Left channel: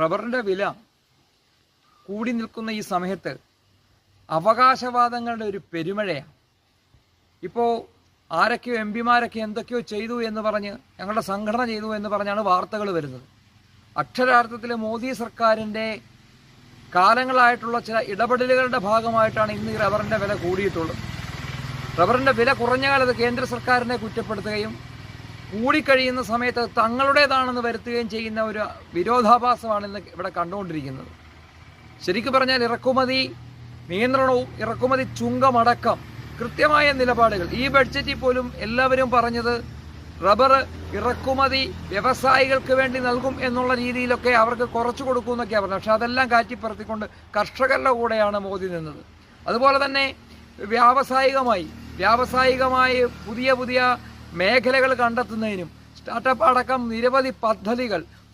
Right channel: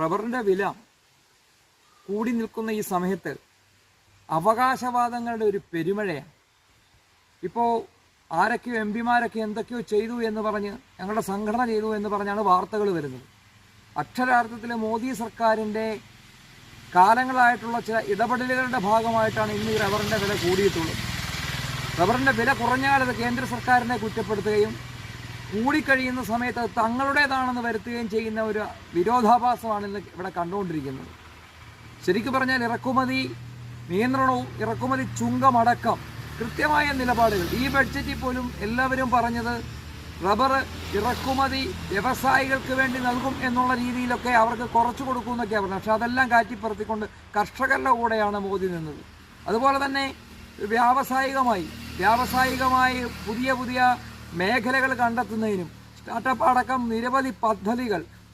റബ്ബറിൻ്റെ വില കൂടി നിൽക്കുന്ന ഈ സമയത്ത് അവകാശവാദങ്ങളുടെ ഒരു പെരുമഴയാണ്. ഇപ്പോൾ ആരൊക്കെയോ എം പിമാരൊക്കെ എന്തൊക്കെയോ ചെയ്തു എന്ന് പറഞ്ഞ്, ഞങ്ങളുടെ സംഘടന ചെയ്തു എന്ന് പറഞ്ഞാണ് വാർത്തകൾ വരുന്നത്. അക്ഷരാർത്ഥത്തിൽ മോദി സർക്കാരിൻ്റെ കാലങ്ങളായിട്ടുള്ള ചില ഇടപെടലുകളുടെ ഭാഗമായിട്ടാണ് ഇന്ന് ഈ റബ്ബറിൻ്റെ വില കൂടിയിട്ടുള്ളത്. റബ്ബറിൻ്റെ വില കുറഞ്ഞ കാലത്ത് കേന്ദ്ര സർക്കാരിനെ കുറ്റപ്പെടുത്തുകയും കൂടിക്കഴിയുന്ന സമയത്ത് തങ്ങളുടേതാണെന്ന് വരുത്തുകയും ചെയ്യുന്ന ഒരു വിരോധാഭാസമാണ് ഇന്ന് ഇവിടെ കണ്ടുകൊണ്ടിരിക്കുന്നത്. ശരിക്കും പറഞ്ഞാൽ ഇറക്കുമതി നിയന്ത്രണവും ഇറക്കുമതി ചുങ്കമടക്കം കൃത്യമായ നിലപാടുകൾ ഈ ബഡ്ജറ്റിൽ പോലും എല്ലാവരും പറഞ്ഞത് റബ്ബർ ഇറക്കുമതി വ്യവസായികൾക്ക് വേണ്ടി നൽകും എന്നുള്ള രീതിയിലൊക്കെ അവർക്ക് കുറച്ച് കൊടുക്കുമെന്നൊക്കെയാണ് പറഞ്ഞത്. പക്ഷെ അതെല്ലാം കാറ്റിപ്പറത്തിക്കൊണ്ട് കർഷകരുടെ കൂടെയാണ് മോദി നിന്നത്. അതുപോലെ തന്നെ വ്യാവസായികമായി പുതിയ മേഖലകൾ കണ്ടെത്തുന്നതിനും സ്റ്റാർട്ടപ്പ് അടക്കം നിരവധി പദ്ധതികൾ